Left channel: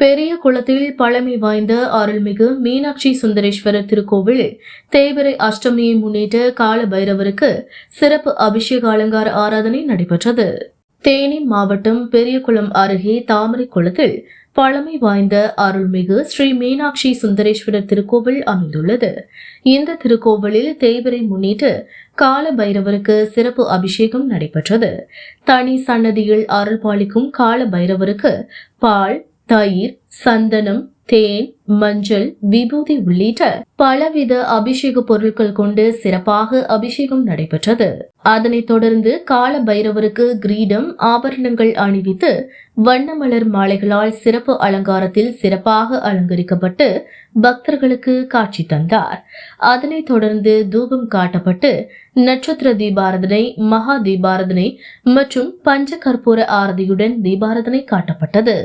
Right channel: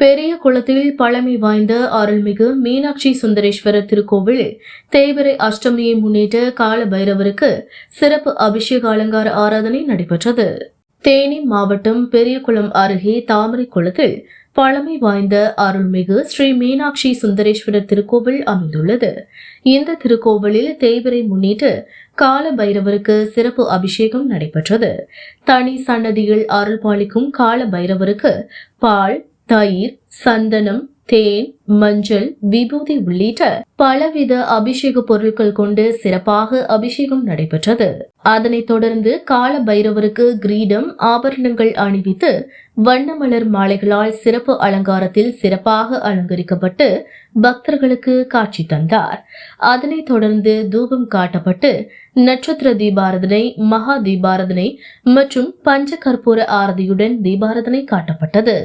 பெரிய குளத்தில் பழமை வாய்ந்த அருள்மிகு மீனாட்சி சுந்தரேஸ்வரர் திருக்கோவிலில் தேய்பிறை அஷ்டமியை முன்னிட்டு கால பைரவருக்கு சிறப்பு அபிஷேக அலங்கார ஆராதனை நடைபெற்றது. தேனி மாவட்டம் பெரியகுளம் அருகே தாமரை குளத்தில் பழமை வாய்ந்த அருள்மிகு ஸ்ரீ மீனாட்சி சுந்தரேஸ்வரர் திருக்கோவில் அமைந்துள்ளது. இந்த திருக்கோவிலில் தேய்பிறை முன்னிட்டு கால பைரவருக்கு சிறப்பு அபிஷேகம் நடைபெற்றது. தனி சன்னதியில் அருள் பாலிக்கும் கால பைரவருக்கு பால், தயிர், சந்தனம், தேன், மஞ்சள், விபூதி உள்ளிட்ட பலவித அபிஷேக பொருட்கள் கொண்டு சிறப்பாக அபிஷேகம் நடைபெற்றது. அதனைத் தொடர்ந்து கால பைரவருக்கு கிரீடம், ஆபரணங்கள் அணிவித்து வண்ணமலர் மாலைகளால் சிறப்பு அலங்காரத்தில் சிறப்பாக அலங்கரிக்கப்பட்டு பக்தர்களுக்கு காட்சி தந்தார். அதனைத் தொடர்ந்து தூபம் காட்டப்பட்டு நட்சத்திர தீபாரதனை, மகா தீபாரதனை மற்றும் பஞ்ச கற்பூர ஆரதியுடன் தீபாரதனை காட்டப்பட்டது.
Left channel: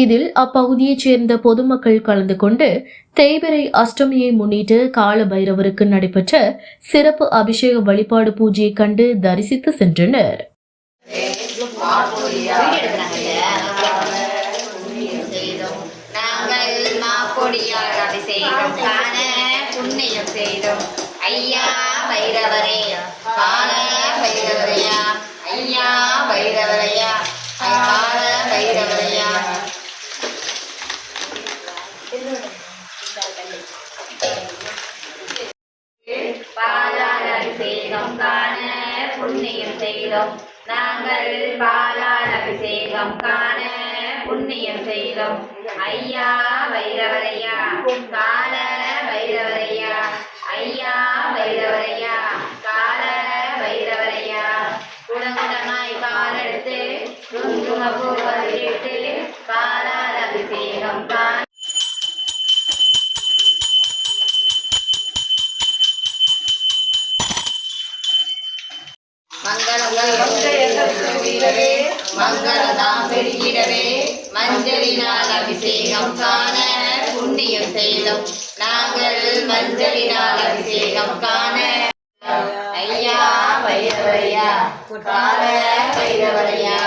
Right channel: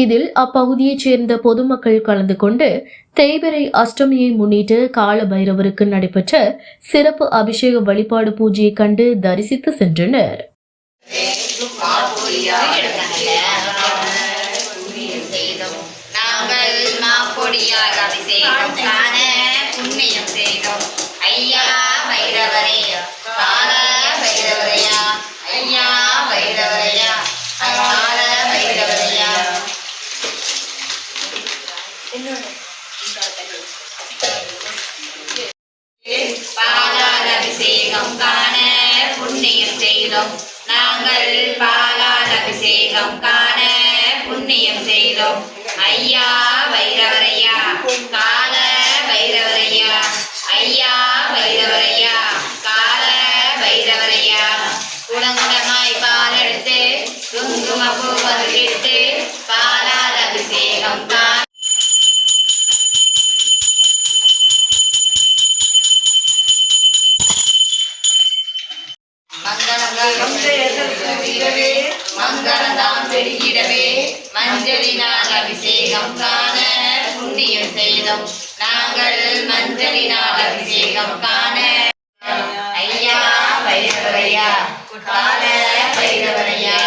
இதில் அப்பகுதியைச் சேர்ந்த பொதுமக்கள் கலந்து கொண்டு தேய்பிறை அஷ்டமியை முன்னிட்டு கால பைரவருக்கு நடைபெற்ற சிறப்பு அபிஷேக வழிபாடு பூஜையை கண்டு தரிசித்து சென்றனர். பாலால் அபிஷேகம் காண புண்ணியம் செய்தோம் நாங்கள், பாலால் அபிஷேகம் காண புண்ணியம் செய்தோம். ஐயா பைரவரையா, கால பைரவரையா, ஐயா பைரவரையா, கால பைரவரையா. குடங்குடமாய் பால் எடுத்து குங்குமப்பூ பருகிட்டு பாலால் அபிஷேகம் காண மங்களதாம் பெருகிடவே மஞ்சளினால் அபிஷேகம் காண புண்ணியம் செய்தோம் நாங்கள், மஞ்சளினால் அபிஷேகம் காண. ஐயா பைரவரையா, கால பைரவரையா.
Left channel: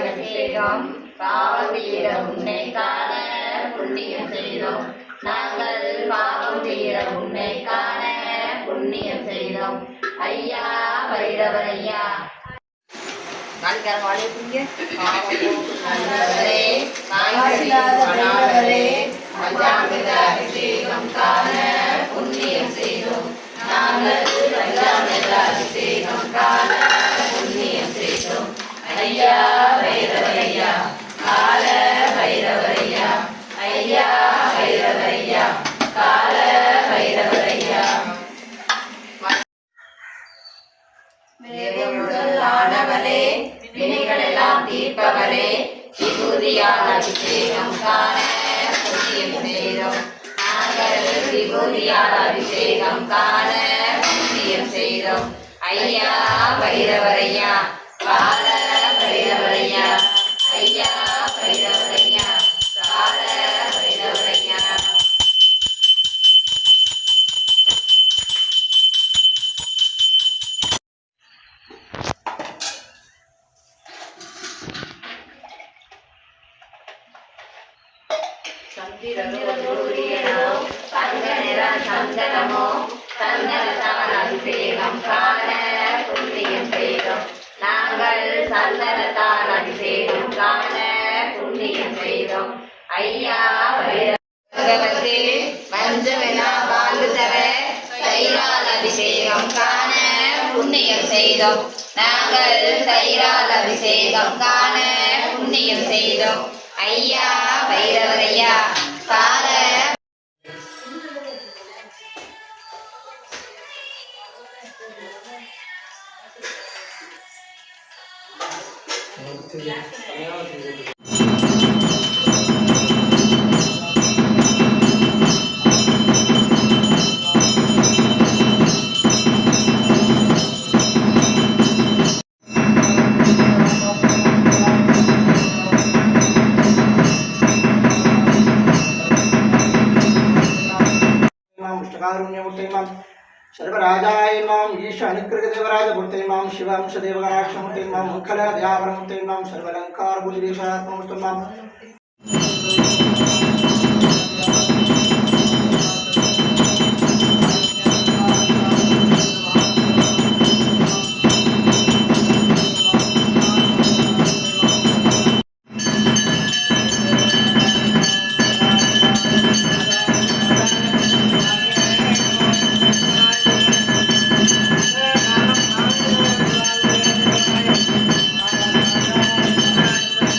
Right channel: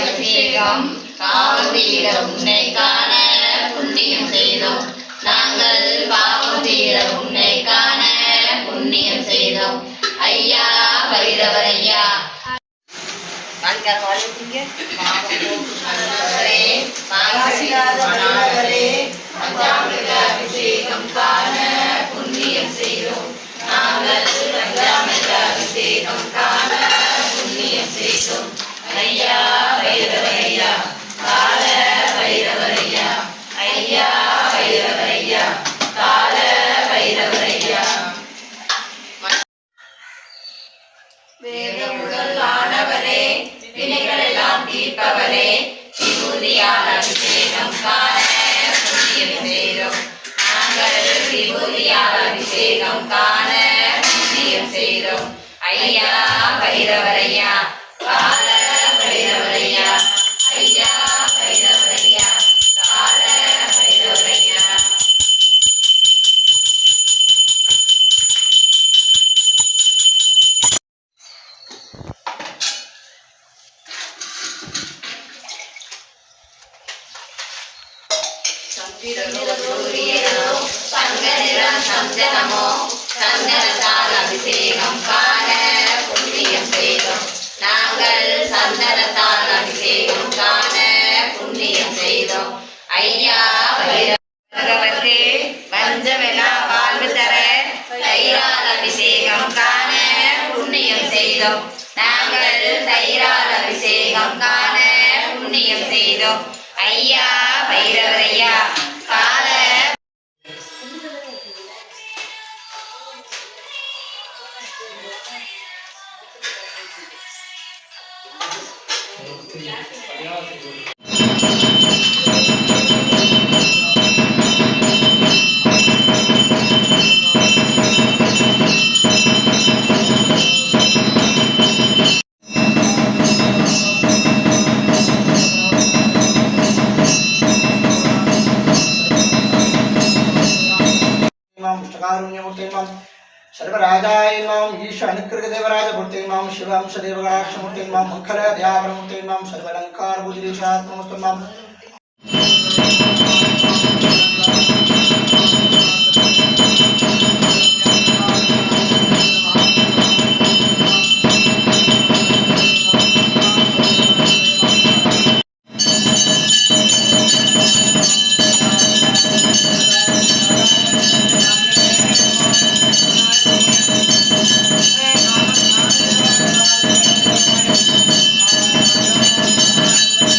அபிஷேகம் பாவம் தீர உன்னை காண புண்ணியம் செய்தோம் நாங்கள், பாவம் தீர உன்னை காண புண்ணியம் செய்தோம். ஐயா பைரவரையா, அபிஷேகம் காண புண்ணியம் செய்தோம் நாங்கள், அபிஷேகம் காண புண்ணியம் செய்தோம். ஐயா பைரவரையா, கால பைரவரையா, ஐயா பைரவரையா, கால பைரவரையா. வேதமுதலானவரே, வினைகளெல்லாம் தீர்ப்பவரே, விபூதியால் அபிஷேகம் காண புண்ணியம் செய்தோம் நாங்கள், விபூதியால் அபிஷேகம் காண புண்ணியம் செய்தோம். ஐயா பைரவரையா, கால பைரவரையா, ஐயா பைரவரையா, கால பைரவரையா. சந்தனமோ சந்தனத்தால் அபிஷேகம் காண புண்ணியம் செய்தோம் நாங்கள், சந்தனத்தால் அபிஷேகம் காண புண்ணியம் செய்தோம். ஐயா பைரவரே, பஞ்சமெல்லாம் வாழ்வு தர தயிரால் அபிஷேகம் காண புண்ணியம் செய்தோம் நாங்கள், தயிரால் அபிஷேகம் காண புண்ணியம் செய்தோம். ஐயா பைரவரையா, கால मुष्टकारुण्यमूर्ते मां सर्वराजाय मां ईश अनुकृतदेवराजमूर्ते मां शिवांशदेवगणाक्षमूर्ते मां मुखलदयावरमूर्ते मां सर्वालङ्कारबुद्धिदेशात्ममूर्ते मां